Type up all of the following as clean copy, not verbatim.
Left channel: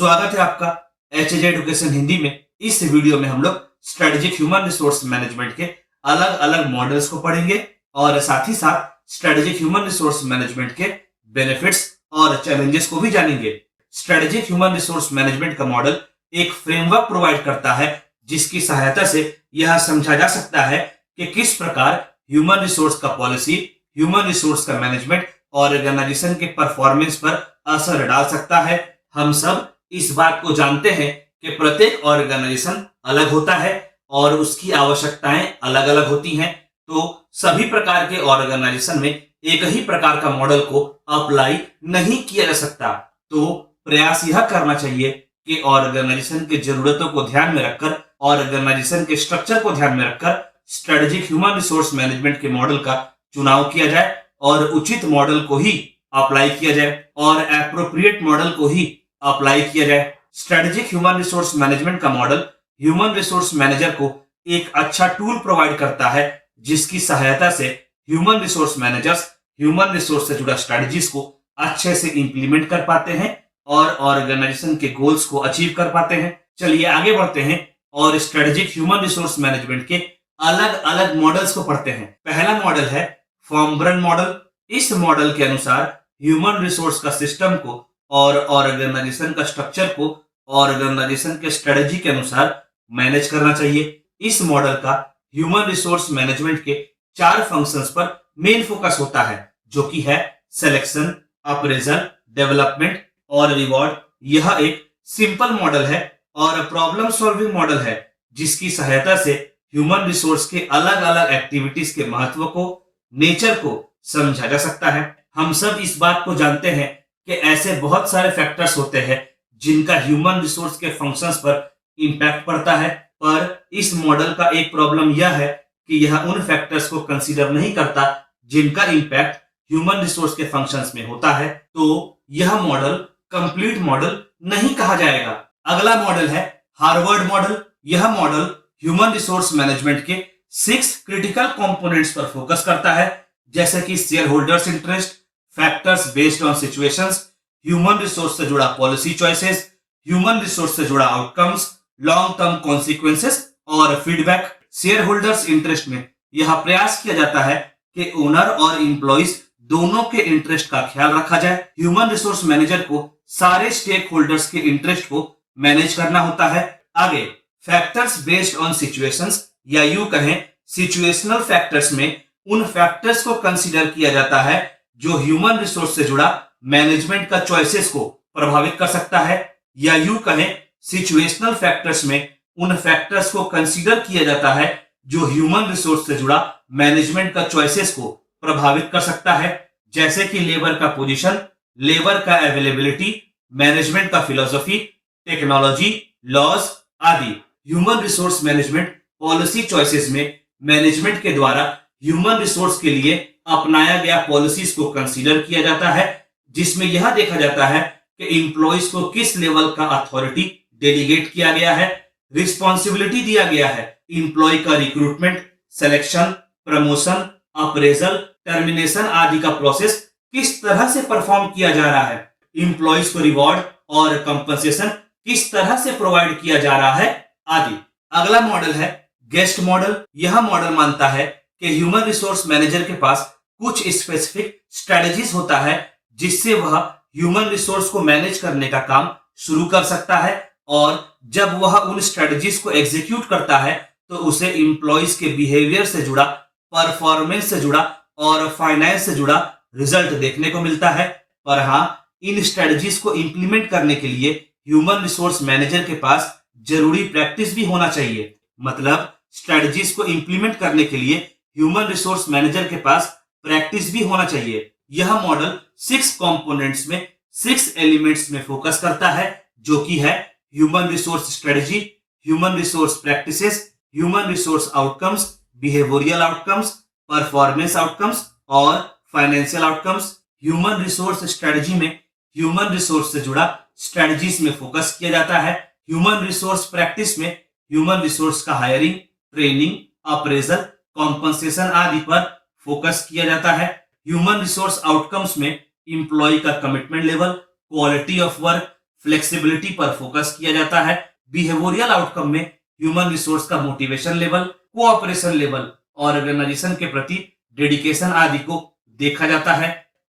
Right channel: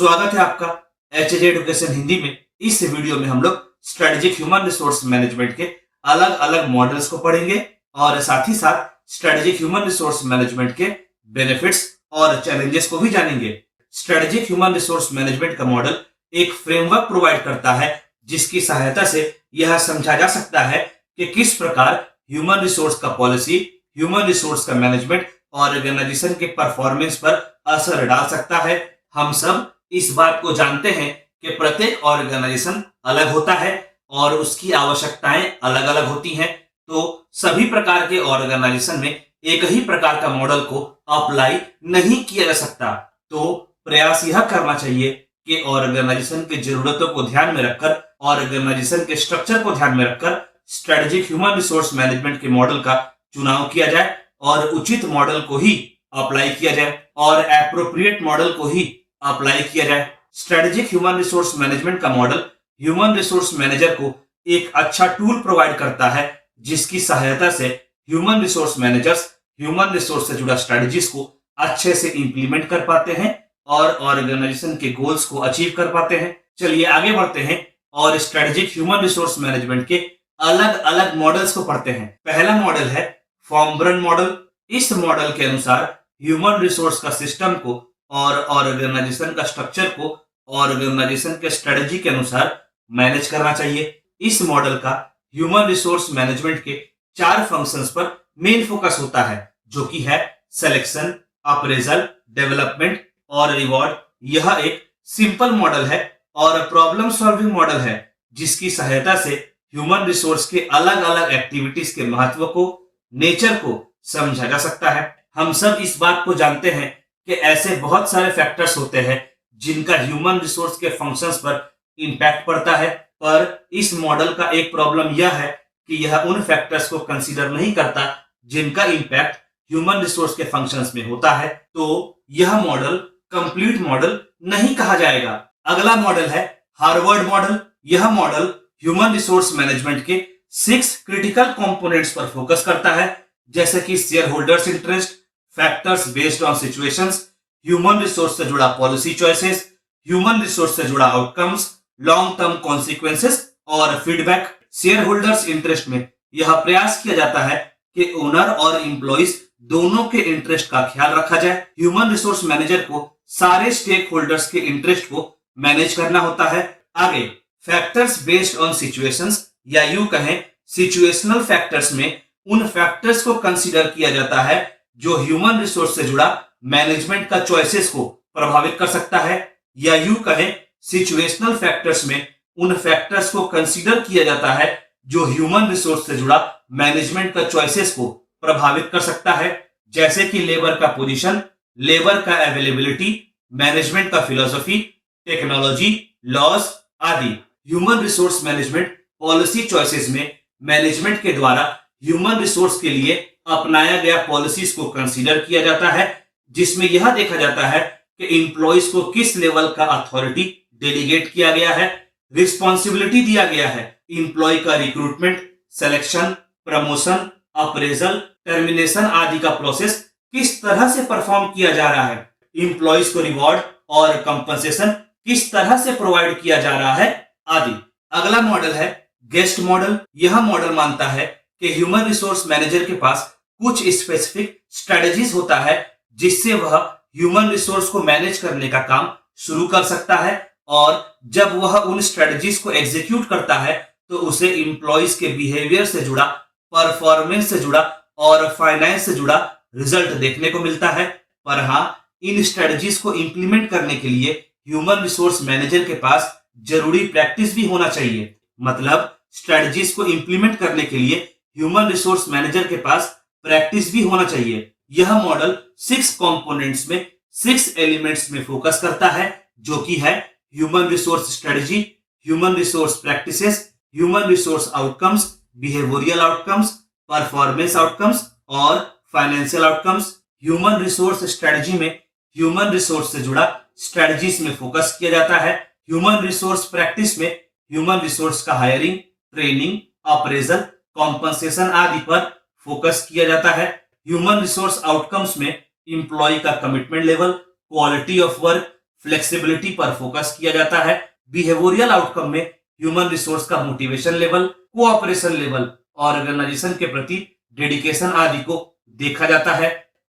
स्वागत है आपका एचएज एडुकेशन हिंदी में। इस वीडियो में हम लोग स्ट्रेटेजिक ह्यूमन रिसोर्स मैनेजमेंट के अलग अलग मॉडल्स को पढ़ेंगे और साथ ही साथ स्ट्रेटेजिक ह्यूमन रिसोर्स मैनेजमेंट के बेनिफिट्स और चैलेंजेस को भी जानेंगे। स्ट्रेटेजिक ह्यूमन रिसोर्स मैनेजमेंट का मॉडल एक फ्रेमवर्क प्रोवाइड करता है जिसकी सहायता से यह समझा जा सकता है कि किस प्रकार ह्यूमन रिसोर्स का पॉलिसी, ह्यूमन रिसोर्स का मैनेजमेंट ऑर्गेनाइजेशन के परफॉर्मेंस पर असर डाल सकता है। हम सब इस बात को जानते हैं कि प्रत्येक ऑर्गेनाइजेशन अलग होता है और उसकी आवश्यकताएं अलग अलग होती हैं। तो सभी प्रकार के ऑर्गेनाइजेशन में एक ही प्रकार का मॉडल को अप्लाई नहीं किया जा सकता। तो प्रयास यह करना चाहिए कि ऑर्गेनाइजेशन की जरूरतों को ध्यान में रखकर, ऑर्गेनाइजेशन के स्ट्रक्चर को ध्यान में रखकर स्ट्रेटेजिक ह्यूमन रिसोर्स मैनेजमेंट के मॉडल का चुनाव किया जाए और उचित मॉडल को ही अप्लाई किया जाए और एप्रोप्रिएट मॉडल को ही अप्लाई किया जाए। स्ट्रेटेजिक ह्यूमन रिसोर्स मैनेजमेंट का मॉडल ह्यूमन रिसोर्स मैनेजर को एक अच्छा टूल प्रोवाइड करता है जिसकी सहायता से human resource managers human resource से जुड़ा स्ट्रेटजीज को अच्छे से इंप्लीमेंट कर पाते हैं और ऑर्गेनाइजेशन के गोल्स को अचीव कर पाते हैं। चलिए आगे बढ़ते हैं और स्ट्रेटेजिक ह्यूमन रिसोर्स मैनेजमेंट के अलग अलग मॉडल्स को पढ़ते हैं। पहला मॉडल है फॉर्म ब्रन मॉडल। इस मॉडल के अनुसार ह्यूमन रिसोर्स का सिस्टम को और ऑर्गेनाइजेशन का स्ट्रक्चर को ऑर्गेनाइजेशन के स्ट्रेटजी के अनुसार मैनेज करना चाहिए। इस मॉडल का ह्यूमन रिसोर्स मैनेजमेंट के 4 फंक्शंस पर मेन फोकस होता है, जो कि है सिलेक्शन, अप्रेजल, डेवलपमेंट और रिवॉर्ड। यह एक सिंपल मॉडल है और प्रॉब्लम सॉल्विंग मॉडल है जिसकी सहायता से ह्यूमन रिसोर्स के अलग अलग एक्टिविटीज के महत्व को, नेचर को समझा जा सकता है। हम सब इस बात को जानते हैं कि ऐसे बहुत सारे फैक्टर्स होते हैं जिनका ह्यूमन रिसोर्स के फंक्शंस पर इंपैक्ट पड़ता है, पर इस मॉडल का एक प्रॉब्लम यह है कि यह उन फैक्टर्स को कंसीडर नहीं करता जिनका इंपैक्ट ह्यूमन रिसोर्स के फंक्शंस में होता है। तो यह मॉडल कंप्लीट मॉडल नहीं कहा जाएगा। अगला मॉडल है हार्वर्ड मॉडल। यह मॉडल ह्यूमन रिसोर्स मैनेजमेंट के 6 क्रिटिकल कंपोनेंट्स पर फोकस करता है, जैसे कि share holders interest, factors based on situations, human resource से जुड़ा पॉलिसी चॉइसेस, ह्यूमन रिसोर्स से जुड़ा आउटकम्स, लॉन्ग टर्म कॉन्सिक्वेंसेस और फीडबैक। शेयर होल्डर्स इंटरेस्ट में यह प्रयास किया जाता है कि ओनर और एम्प्लॉइज दोनों के इंटरेस्ट का ख्याल रखा जाए। ह्यूमन रिसोर्स मैनेजर को सारे स्टेक होल्डर्स के इंटरेस्ट को मैनेज करना होता है। आगे फैक्टर्स बेस्ड ऑन सिचुएशंस या यूं कहें सिचुएशनल फैक्टर्स में उन फैक्टर्स को कंसीडर किया जाता है जो ह्यूमन रिसोर्स से जुड़ा मैनेजमेंट का चॉइसेस को प्रभावित कर सकता है, या यूं कहें सिचुएशनल फैक्टर्स में उन फैक्टर्स को कंसीडर किया जाता है जो ह्यूमन रिसोर्स से जुड़ा मैनेजमेंट का चॉइसेस को प्रभावित कर सकता है, जैसे कि लेबर का पोजीशन, लेबर का अवेलेबिलिटी, मैनेजमेंट का फिलॉसफी, टेक्नोलॉजी, लॉज आदि। Human resource management policy choices में मैनेजमेंट के द्वारा ह्यूमन रिसोर्स के लिए अपनाया गया पॉलिसीज को कंसीडर किया जाता है, जिसमें यह देखा जाता है कि एम्प्लॉइज को किस लेवल का अथॉरिटी डेलीगेट किया गया है, रिस्पॉन्सिबिलिटी दिया गया है, एम्प्लॉय का recruitment, selection, promotion, appraisal, termination आदि का प्रोसेस किस तरह से परफॉर्म किया जा रहा है, एम्प्लॉइज को रिवॉर्ड और कंपनसेशन किस तरह से प्रोवाइड किया जा रहा है आदि। अगला मॉडल है गेस्ट मॉडल। यह मॉडल मानता है कि ह्यूमन रिसोर्स मैनेजर के पास कुछ स्पेसिफिक स्ट्रेटजीज होता है जिससे वह ह्यूमन रिसोर्स को मैनेज करने का काम शुरू कर सकता है, और जब वह उन स्ट्रेटजीज को एग्जीक्यूट करता है तो उसे एम्प्लॉइज के बिहेवियर से जुड़ा, परफॉर्मेंस से जुड़ा और फाइनेंस से जुड़ा रिजल्ट देखने को मिलता है। पर हाँ, इन स्ट्रेटजीज को इंप्लीमेंट करने के लिए ह्यूमन रिसोर्स मैनेजर के पास जरूरी प्रैक्टिस भी होना चाहिए। मतलब स्ट्रेटजीज को इंप्लीमेंट करने के लिए ह्यूमन रिसोर्स मैनेजर के पास प्रैक्टिस भी होना चाहिए। यह मॉडल 6 कंपोनेंट्स में 6 एलिमेंट्स में फोकस करता है, जो कि है human resource strategy, human resource practices, human resource outcomes, behavioural outcomes, performance outcomes और financial outcomes. Human resource strategy में ह्यूमन रिसोर्स से जुड़ा स्ट्रेटजीज में फोकस किया जाता है। ह्यूमन रिसोर्स प्रैक्टिस में ह्यूमन रिसोर्स का हायरिंग, ट्रेनिंग, अप्रेजल, कॉम्पनसेशन आदि पर फोकस किया जाता है। ह्यूमन रिसोर्स आउटकम्स में एम्प्लॉय का commitment level, quality of work, flexibility पर फोकस किया जाता है। बिहेवियरल आउटकम में ह्यूमन रिसोर्स का motivation level, cooperation level, organisation के प्रति डेडिकेशन आदि को देखा जाता है।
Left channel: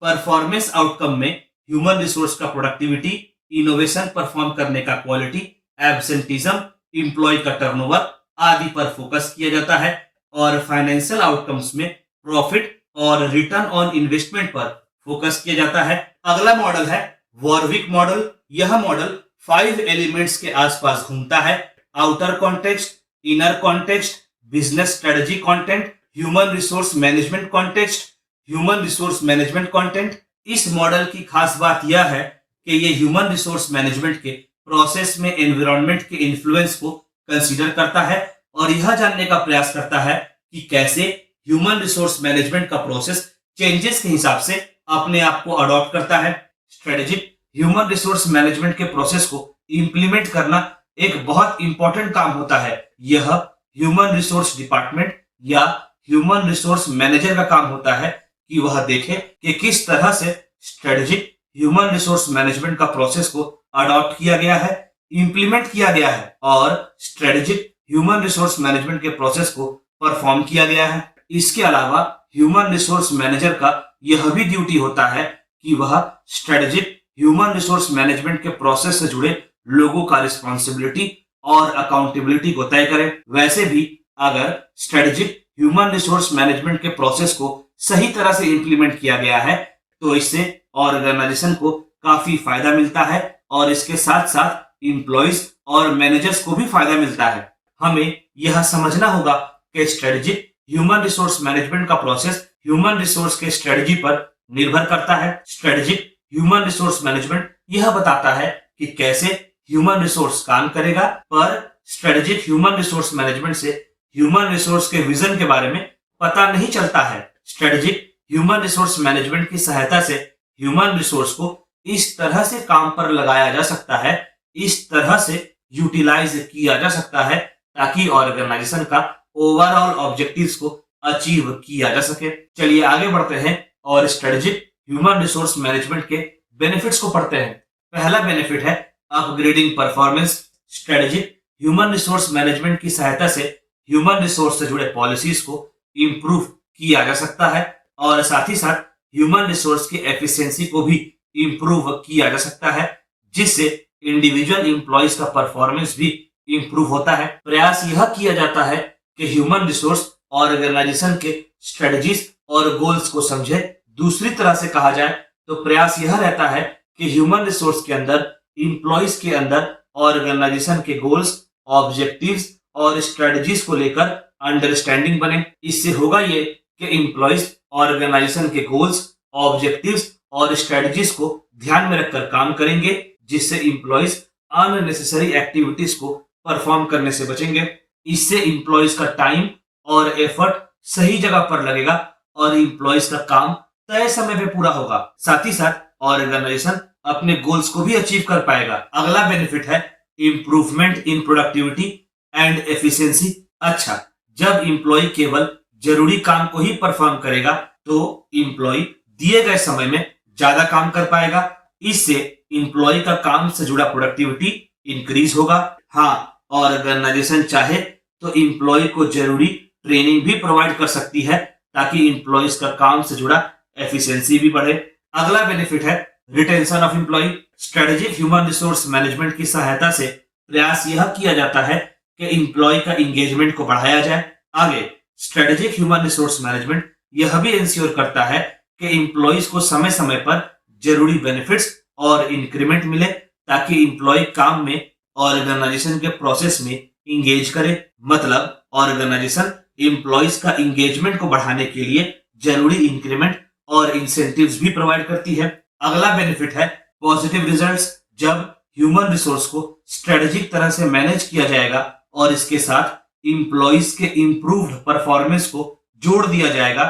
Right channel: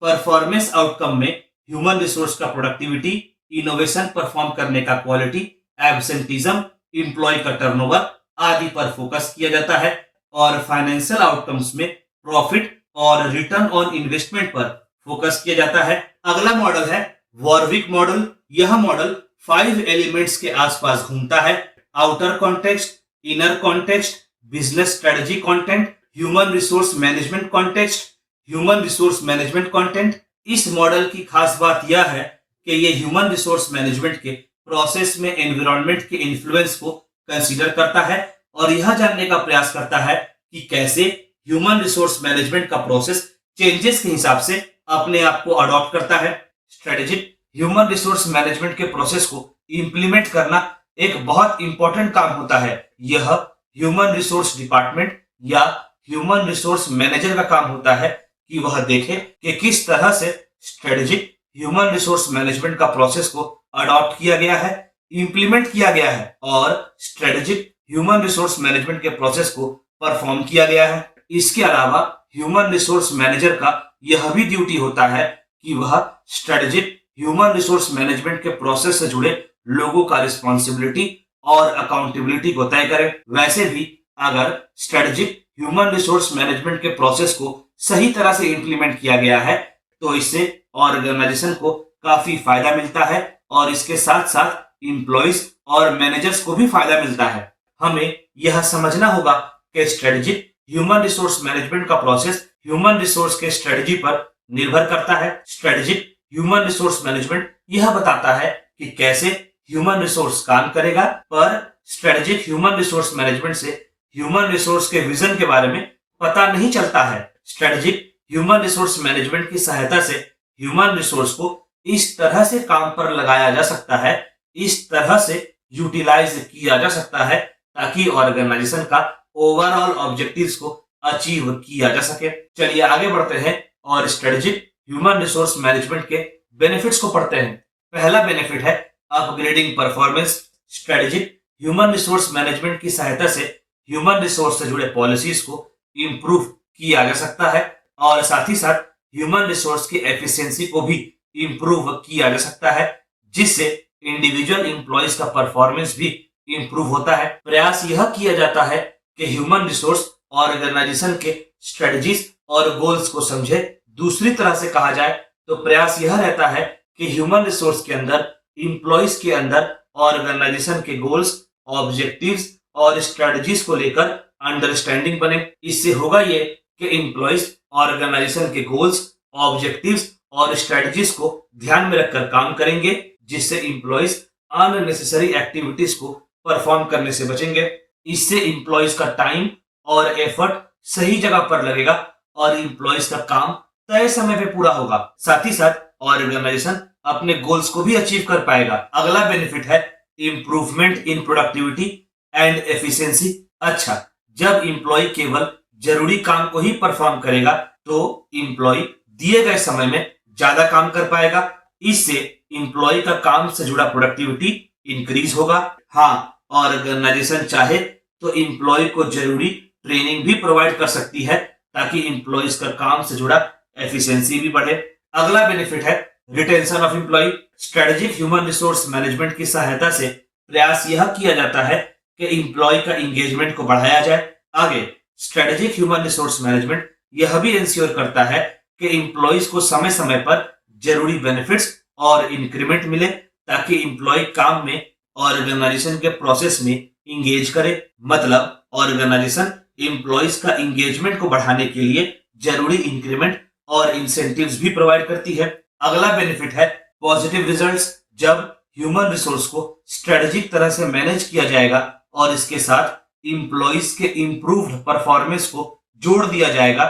परफॉर्मेंस आउटकम में ह्यूमन रिसोर्स का प्रोडक्टिविटी, इनोवेशन परफॉर्म करने का क्वालिटी, एब्सेंटिज्म, एम्प्लॉय का टर्नओवर आदि पर फोकस किया जाता है। और फाइनेंशियल आउटकम्स में प्रॉफिट और रिटर्न ऑन इन्वेस्टमेंट पर फोकस किया जाता है। अगला मॉडल है वॉरविक मॉडल। यह मॉडल 5 एलिमेंट्स के आसपास घूमता है: outer context, inner context, business strategy content, human resource management context, human resource management content. इस मॉडल की खास बात यह है कि ये ह्यूमन रिसोर्स मैनेजमेंट के प्रोसेस में एनवायरनमेंट के इन्फ्लुएंस को कंसीडर करता है और यह जानने का प्रयास करता है कि कैसे ह्यूमन रिसोर्स मैनेजमेंट का प्रोसेस चेंजेस के हिसाब से अपने आप को अडॉप्ट करता है। स्ट्रेटेजिक ह्यूमन रिसोर्स मैनेजमेंट के प्रोसेस को इंप्लीमेंट करना एक बहुत इंपॉर्टेंट काम होता है। यह ह्यूमन रिसोर्स डिपार्टमेंट या ह्यूमन रिसोर्स मैनेजर का काम होता है कि वह देखे कि किस तरह से स्ट्रेटेजिक ह्यूमन रिसोर्स मैनेजमेंट का प्रोसेस को अडॉप्ट किया गया है, इंप्लीमेंट किया गया है और स्ट्रेटेजिक ह्यूमन रिसोर्स मैनेजमेंट के प्रोसेस को परफॉर्म किया गया है। इसके अलावा ह्यूमन रिसोर्स मैनेजर का यह भी ड्यूटी होता है कि वह स्ट्रेटेजिक ह्यूमन रिसोर्स मैनेजमेंट के प्रोसेस से जुड़े लोगों का रिस्पॉन्सिबिलिटी और अकाउंटेबिलिटी को तय करे। वैसे भी अगर स्ट्रेटेजिक ह्यूमन रिसोर्स मैनेजमेंट के प्रोसेस को सही तरह से इंप्लीमेंट किया गया है तो इससे ऑर्गेनाइजेशन को काफी फायदा मिलता है और इसके साथ साथ एम्प्लॉइज और मैनेजर्स को भी फायदा मिलता है। हमें यह समझना होगा कि स्ट्रेटेजिक ह्यूमन रिसोर्स मैनेजमेंट का प्रोसेस ह्यूमन रिसोर्स के स्ट्रेटजी पर निर्भर करता है। स्ट्रेटेजिक ह्यूमन रिसोर्स मैनेजमेंट यह बताता है कि कैसे ह्यूमन रिसोर्स काम करेगा, पर स्ट्रेटेजिक ह्यूमन रिसोर्स मैनेजमेंट से ह्यूमन रिसोर्स के विजन के बारे में पता नहीं चलता है। स्ट्रेटेजिक ह्यूमन रिसोर्स मैनेजमेंट की सहायता से ह्यूमन रिसोर्स को इस तरह से काम पर लगाया जा सकता है, इस तरह से यूटिलाइज किया जा सकता है ताकि ऑर्गेनाइजेशन का ओवरऑल ऑब्जेक्टिव्स को अचीव किया जा सके। चलिए आगे बढ़ते हैं और स्ट्रेटेजिक ह्यूमन रिसोर्स मैनेजमेंट के बेनिफिट्स को पढ़ते हैं। पहला बेनिफिट है upgrading performance. Strategic human resource management की सहायता से ह्यूमन रिसोर्स से जुड़े पॉलिसीज को इंप्रूव किया जा सकता है और साथ ही साथ ह्यूमन रिसोर्स की एफिशिएंसी को भी इंप्रूव किया जा सकता है, जिससे इंडिविजुअल एम्प्लॉइज का परफॉर्मेंस भी इंप्रूव होता है। प्रयास यह किया जाता है कि ह्यूमन रिसोर्स ऑर्गेनाइजेशन के स्ट्रेटजीज और गोल्स को समझे। दूसरी तरह से कहा जाए तो प्रयास यह रहता है कि ह्यूमन रिसोर्स के अंदर, एम्प्लॉइज के अंदर ऑर्गेनाइजेशन के गोल्स, ऑब्जेक्टिव्स और स्ट्रेटजीज को लेकर अंडरस्टैंडिंग बने। इससे होगा ये कि एम्प्लॉइज ऑर्गेनाइजेशन के गोल्स, ऑब्जेक्टिव्स और स्ट्रेटजीज को ध्यान में रखकर काम करेंगे, जिससे एम्प्लॉइज अननेसेसरी एक्टिविटीज को परफॉर्म करने से बचेंगे। इससे एम्प्लॉइज का टाइम और एफर्ट सही जगह पर लगेगा और एम्प्लॉइज का काम तय समय पे पूरा होगा। साथ ही साथ ऑर्गेनाइजेशन अपने गोल्स को भी अचीव कर पाएगा। अगला बेनिफिट है improvement in productivity and efficiency. अच्छा, जब एम्प्लॉय केवल जरूरी काम को ही परफॉर्म करेगा तो एम्प्लॉय दिए गए समय में ज्यादा काम कर पाएगा। इससे एम्प्लॉय का काम से जुड़ा प्रोडक्टिविटी इंक्रीज होगा। हाँ, ऑर्गेनाइजेशन चाहे तो एम्प्लॉय को जरूरी ट्रेनिंग भी प्रोवाइड कर सकती है ताकि एम्प्लॉयज का काम से जुड़ा एफिशिएंसी भी बढ़े। अगला बेनिफिट है retention of employ. Strategic human resource management की सहायता से प्रयास यह किया जाता है कि एम्प्लॉय का एंगेजमेंट को बढ़ाया जाए। आगे स्ट्रेटेजिक ह्यूमन रिसोर्स मैनेजमेंट यह भी इंश्योर करता है कि एम्प्लॉयज को समय समय पर जरूरी बेनिफिट्स और इंक्रीमेंट मिले ताकि एम्प्लॉय काम में ऑर्गेनाइजेशन के प्रोसेस में इंगेज करे। मतलब ऑर्गेनाइजेशन एम्प्लॉयज का इंगेजमेंट को बढ़ाने के लिए जरूरी इंक्रीमेंट और इंसेंटिव्स भी प्रोवाइड करती है। अगला बेनिफिट है पॉजिटिव रिजल्ट्स। जब ह्यूमन रिसोर्स को स्ट्रेटेजिक तरह से मैनेज किया जाएगा और इसके साथ एम्प्लॉयज के इंप्रूव्ड परफॉर्मेंस को जोड़ दिया जाएगा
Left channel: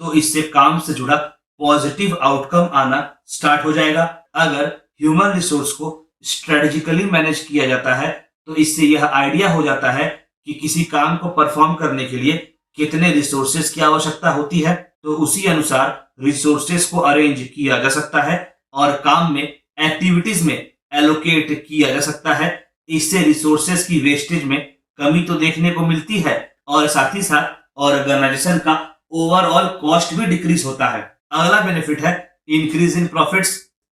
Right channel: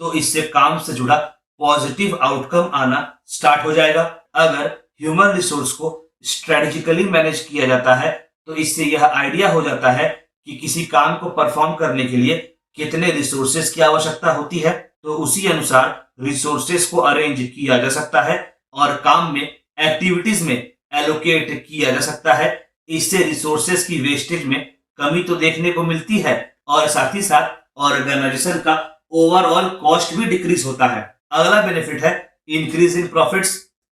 तो इससे काम से जुड़ा पॉजिटिव आउटकम आना स्टार्ट हो जाएगा। अगर ह्यूमन रिसोर्स को स्ट्रेटेजिकली मैनेज किया जाता है तो इससे यह आइडिया हो जाता है कि किसी काम को परफॉर्म करने के लिए कितने रिसोर्सेज की आवश्यकता होती है, तो उसी अनुसार रिसोर्सेज को अरेंज किया जा सकता है और काम में, एक्टिविटीज में एलोकेट किया जा सकता है। इससे रिसोर्सेस की वेस्टेज में कमी तो देखने को मिलती है और साथ ही साथ ऑर्गेनाइजेशन का ओवरऑल कॉस्ट भी डिक्रीज होता है। अगला बेनिफिट है इंक्रीज इन प्रॉफिट्स।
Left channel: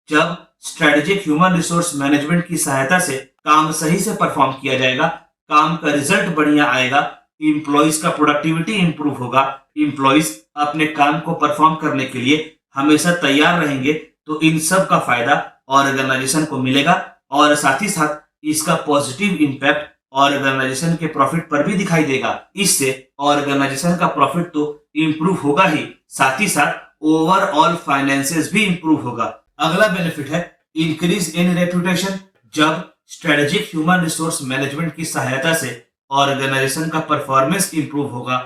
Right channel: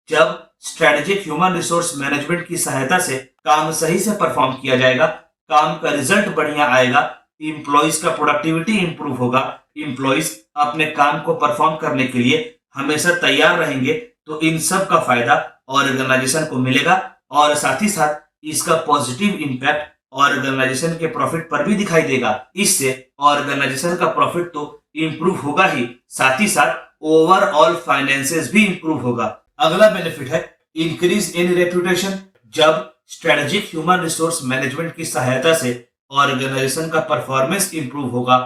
जब स्ट्रेटेजिक ह्यूमन रिसोर्स मैनेजमेंट की सहायता से काम सही से परफॉर्म किया जाएगा, काम का रिजल्ट बढ़िया आएगा, इंप्लॉइज का प्रोडक्टिविटी इंप्रूव होगा, इंप्लॉइज अपने काम को परफॉर्म करने के लिए हमेशा तैयार रहेंगे, तो इन सब का फायदा ऑर्गेनाइजेशन को मिलेगा और साथ ही साथ इसका पॉजिटिव इंपैक्ट ऑर्गेनाइजेशन के प्रॉफिट पर भी दिखाई देगा। इससे ऑर्गेनाइजेशन का प्रॉफिट तो इंप्रूव होगा ही, साथ ही साथ ओवरऑल फाइनेंसेस भी इंप्रूव होगा। अगला बेनिफिट है इंक्रीज इन रेपुटेशन। जब स्ट्रेटेजिक ह्यूमन रिसोर्स मैनेजमेंट की सहायता से ऑर्गेनाइजेशन का परफॉर्मेंस इंप्रूव होगा,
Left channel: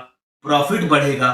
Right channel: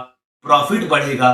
प्रॉफिट बढ़ेगा,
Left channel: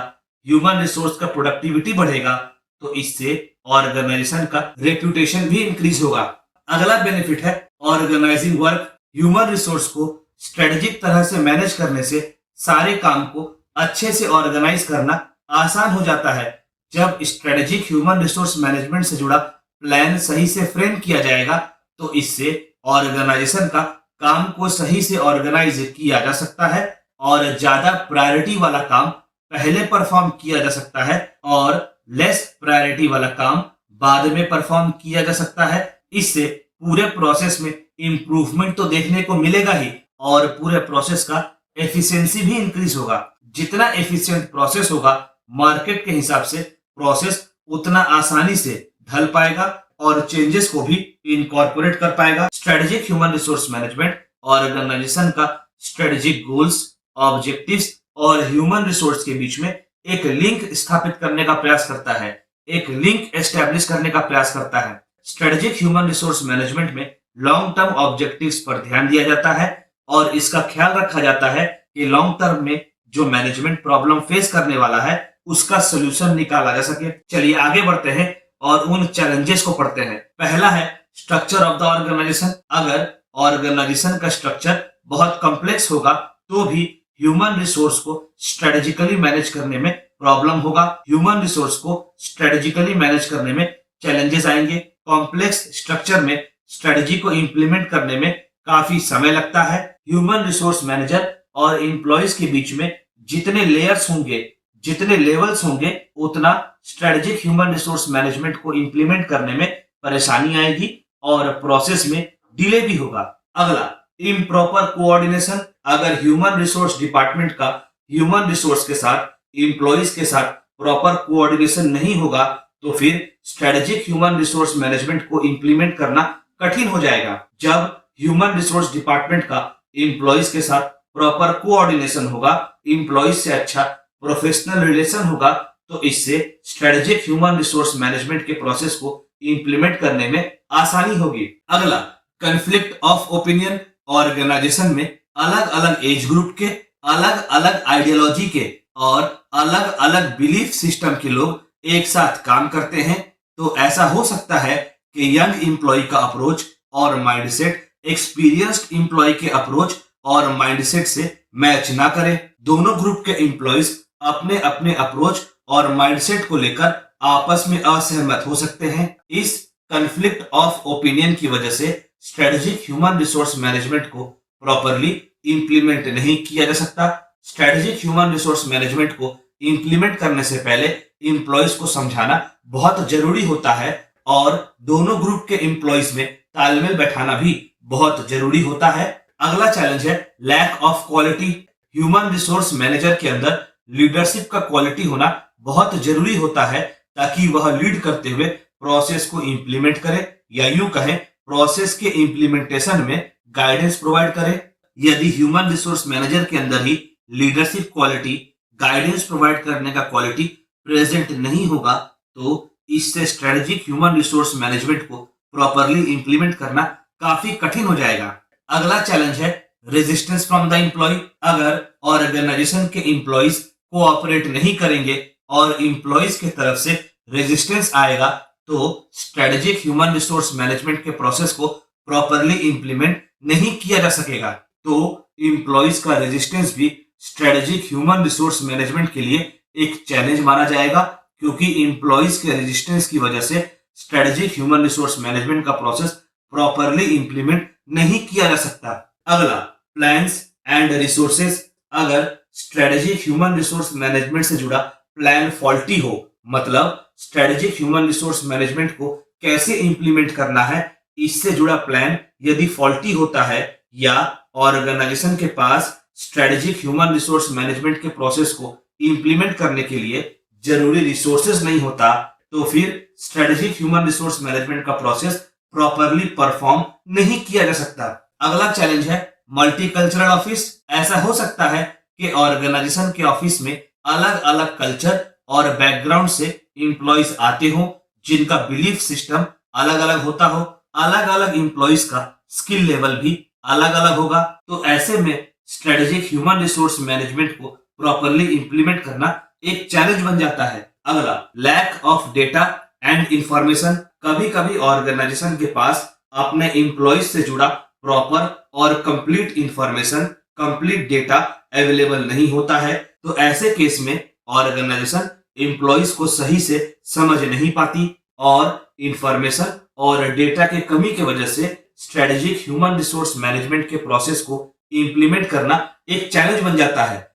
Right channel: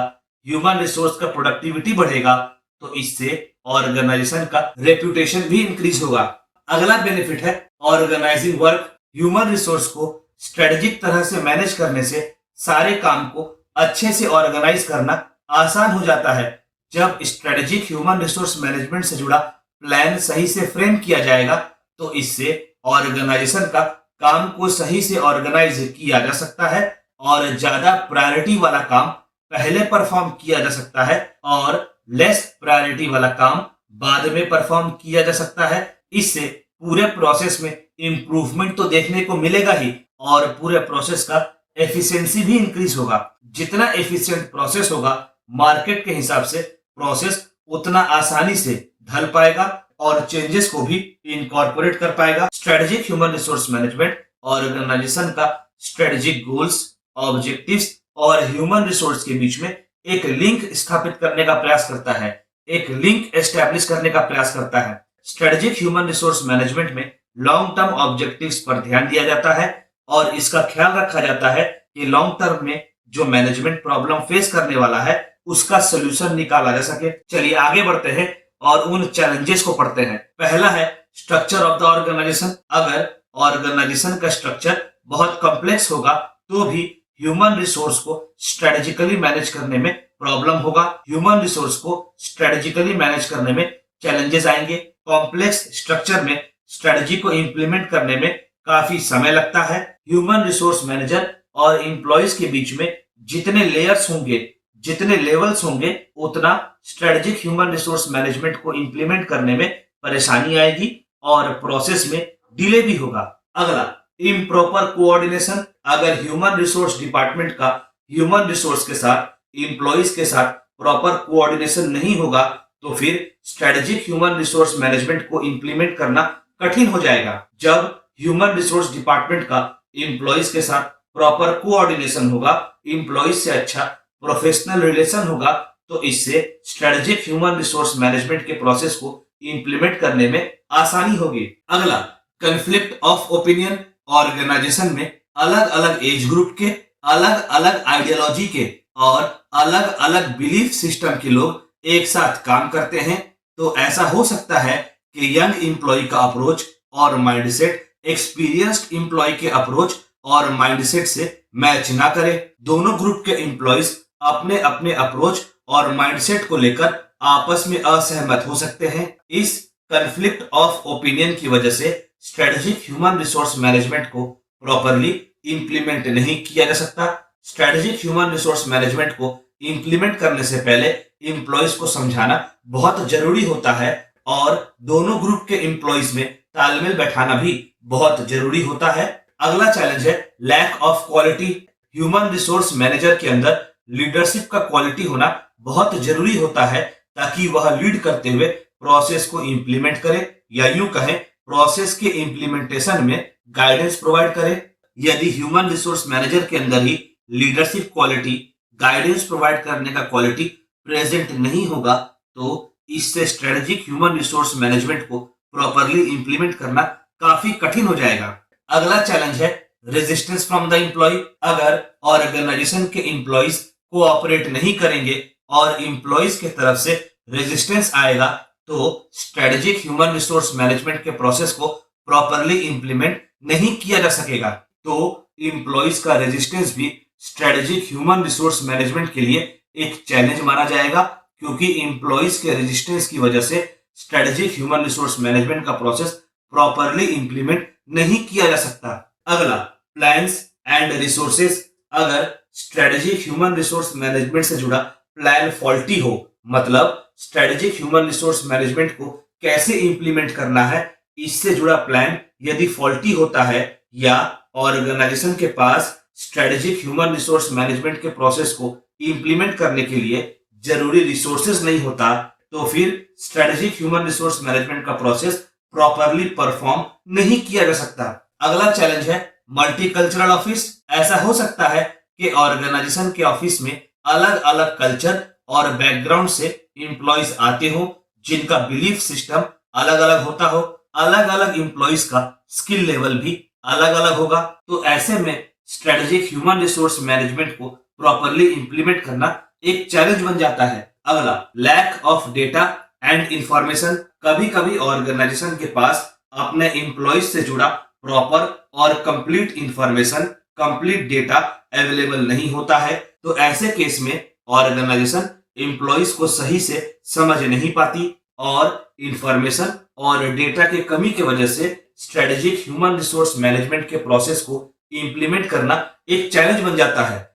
ह्यूमन रिसोर्स का प्रोडक्टिविटी बढ़ेगा, तो इससे ऑर्गेनाइजेशन का रेपुटेशन भी इंक्रीज होगा। अगला बेनिफिट है ऑर्गेनाइजिंग वर्क। ह्यूमन रिसोर्स को स्ट्रेटेजिक तरह से मैनेज करने से सारे काम को अच्छे से ऑर्गेनाइज करना आसान हो जाता है। जब स्ट्रेटेजिक ह्यूमन रिसोर्स मैनेजमेंट से जुड़ा प्लान सही से फ्रेम किया जाएगा, तो इससे ऑर्गेनाइजेशन का काम को सही से ऑर्गेनाइज किया जा सकता है और ज्यादा प्रायोरिटी वाला काम पहले परफॉर्म किया जा सकता है और लेस प्रायोरिटी वाला काम बाद में परफॉर्म किया जा सकता है। इससे पूरे प्रोसेस में इंप्रूवमेंट तो देखने को मिलेगा ही और पूरे प्रोसेस का एफिशिएंसी भी इंक्रीज होगा। जितना एफिशिएंट प्रोसेस होगा, मार्केट के हिसाब से प्रोसेस उतना आसानी से ढल पाएगा और चेंजेस को भी इनकॉर्पोरेट कर पाएगा। Strategic human resource management organisation का स्ट्रेटेजिक गोल्स, ऑब्जेक्टिव्स और ह्यूमन रिसोर्स के बीच में एक लिंक स्थापित करने का प्रयास करता है, एक लिंक एस्टेब्लिश करने का प्रयास करता है। स्ट्रेटेजिक ह्यूमन रिसोर्स मैनेजमेंट में लॉन्ग टर्म ऑब्जेक्टिव्स पर ध्यान दिया जाता है और इसका ख्याल रखा जाता है कि लॉन्ग टर्म में जो मैनेजमेंट प्रॉब्लम फेस करने वाला है उसका सोल्यूशन निकाला जा सके। चलिए आगे बढ़ते हैं और उन चैलेंजेस को पढ़ते हैं। पहला है स्ट्रक्चर ऑफ द ऑर्गेनाइजेशन। अगर ऑर्गेनाइजेशन का स्ट्रक्चर बहुत कॉम्प्लेक्स होगा तो भी ह्यूमन रिसोर्स को स्ट्रेटेजिकली मैनेज करने में प्रॉब्लम होगा। ह्यूमन रिसोर्स को स्ट्रेटेजिकली मैनेज करने में चैलेंजेस आएंगे। कॉम्प्लेक्स स्ट्रक्चर में स्ट्रेटेजी को इंप्लीमेंट करने में काफी समय लगता है। ह्यूमन रिसोर्स मैनेजर और एम्प्लॉइज के बीच में जितने लेयर्स होंगे, जितने लेवल्स होंगे, उतना स्ट्रेटेजिक ह्यूमन रिसोर्स मैनेजमेंट को इंप्लीमेंट करने में परेशानी आएगी और प्रोसेस में डिले भी होगा। अगला इम्प्रॉपर कोऑर्डिनेशन। अगर ह्यूमन रिसोर्स डिपार्टमेंट का ह्यूमन रिसोर्स के साथ, एम्प्लॉइज के साथ प्रॉपर कोऑर्डिनेशन नहीं होगा तो फिर स्ट्रेटेजिक ह्यूमन रिसोर्स मैनेजमेंट को इंप्लीमेंट करना कठिन हो जाएगा। जब ह्यूमन रिसोर्स डिपार्टमेंट का एम्प्लॉइज के साथ प्रॉपर कोऑर्डिनेशन होगा, एम्प्लॉइज से अच्छा प्रोफेशनल रिलेशन होगा, तो इससे स्ट्रेटेजिक ह्यूमन रिसोर्स मैनेजमेंट के प्रोसेस को इंप्लीमेंट करने में आसानी होगी। अगला कॉन्फ्लिक्ट ऑफ ओपिनियन। ऑर्गेनाइजेशन में अलग अलग एज ग्रुप के, अलग अलग आइडियोलॉजी के और अलग अलग बिलीफ सिस्टम के लोग एक साथ काम करते हैं, तो ऐसा हो सकता है कि यंग एम्प्लॉय का अप्रोच और माइंडसेट एक्सपीरियंस्ड एम्प्लॉय के अप्रोच और माइंडसेट से मैच ना करे। दोनों ग्रुप के एम्प्लॉयज अपने अपने अप्रोच और माइंडसेट को लेकर आपस में असहमत हो सकते हैं। इस कॉन्फ्लिक्ट ऑफ ओपिनियन की वजह से स्ट्रेटेजिक ह्यूमन रिसोर्स मैनेजमेंट को प्रॉपरली इंप्लीमेंट नहीं किया जा सकता। स्ट्रेटेजिक ह्यूमन रिसोर्स मैनेजमेंट को इंप्लीमेंट करने से पहले एम्प्लॉयज को समझाना बहुत जरूरी होता है और दोनों ग्रुप के एम्प्लॉयज में तालमेल बैठाना भी बहुत जरूरी होता है। अगला चैलेंज है lack of quality. Human resource manager के अंदर लीडरशिप का क्वालिटी होना बहुत जरूरी होता है ताकि वह लीड करते हुए प्रोसेस को इंप्लीमेंट करे, या यूं कहें प्रोसेस के इंप्लीमेंटेशन में गाइडेंस प्रोवाइड करे। यदि ह्यूमन रिसोर्स मैनेजर के अंदर ही लीडरशिप क्वालिटी, गाइडेंस प्रोवाइड करने का क्वालिटी प्रेजेंट नहीं होगा तो इससे स्ट्रेटेजिक ह्यूमन रिसोर्स मैनेजमेंट को प्रॉपरली इंप्लीमेंट करना काफी कठिन हो जाएगा। अगला चैलेंज है रेजिस्टेंस फ्रॉम द एम्प्लॉय। अगर ऑर्गेनाइजेशन के एम्प्लॉयज कोऑपरेट नहीं करेंगे और एम्प्लॉयज के तरफ से रेजिस्टेंस आएगा तो स्ट्रेटेजिक ह्यूमन रिसोर्स मैनेजमेंट के प्रोसेस को प्रॉपरली इंप्लीमेंट नहीं किया जा सकेगा। तो एम्प्लॉयज का रेजिस्टेंस भी स्ट्रेटेजिक ह्यूमन रिसोर्स मैनेजमेंट के लिए एक चैलेंज माना जाएगा, क्योंकि एम्प्लॉयज के रेजिस्टेंस की वजह से स्ट्रेटेजिक ह्यूमन रिसोर्स मैनेजमेंट का प्रोसेस प्रॉपरली इंप्लीमेंट नहीं किया जा सकता। अगला, प्लान्स एंड रिसोर्सेस। अगर स्ट्रेटेजिक ह्यूमन रिसोर्स मैनेजमेंट से जुड़ा प्लान फॉल्टी हो, मतलब स्ट्रेटेजिक ह्यूमन रिसोर्स मैनेजमेंट को कैसे इंप्लीमेंट करना है, इससे जुड़ा प्लान यदि फॉल्टी होता है या ऑर्गेनाइजेशन के पास स्ट्रेटेजिक ह्यूमन रिसोर्स मैनेजमेंट के प्रोसेस को इंप्लीमेंट करने के लिए जरूरी रिसोर्सेज नहीं होता, तो फिर स्ट्रेटेजिक ह्यूमन रिसोर्स मैनेजमेंट का प्रोसेस प्रॉपरली परफॉर्म नहीं किया जा सकता। अगला चैलेंज है मल्टीकल्चरल ऑफिस। ऐसा हो सकता है कि ऑर्गेनाइजेशन के ऑफिस में अलग अलग कल्चर और बैकग्राउंड से एम्प्लॉयज आते हो, जिनका बिलीफ सिस्टम अलग अलग होता हो, अलग अलग एम्प्लॉयज का स्किल लेवल भी अलग अलग होगा। तो ऐसे में स्ट्रेटेजिक ह्यूमन रिसोर्स मैनेजमेंट को प्रॉपरली इंप्लीमेंट करना एक चैलेंज बन जाता है। अगला, lack of data and information. कभी कभी ऑर्गेनाइजेशन के पास अपने एम्प्लॉयज से जुड़ा प्रॉपर और complete information, complete data available नहीं होता है। तो ऐसे केस में ऑर्गेनाइजेशन एम्प्लॉयज को सही से समझ नहीं पाती और इंफॉर्मेशन और डेटा के कमी की वजह से स्ट्रेटेजिक ह्यूमन रिसोर्स मैनेजमेंट के प्रोसेस को इंप्लीमेंट करना एक चैलेंज बन जाता है।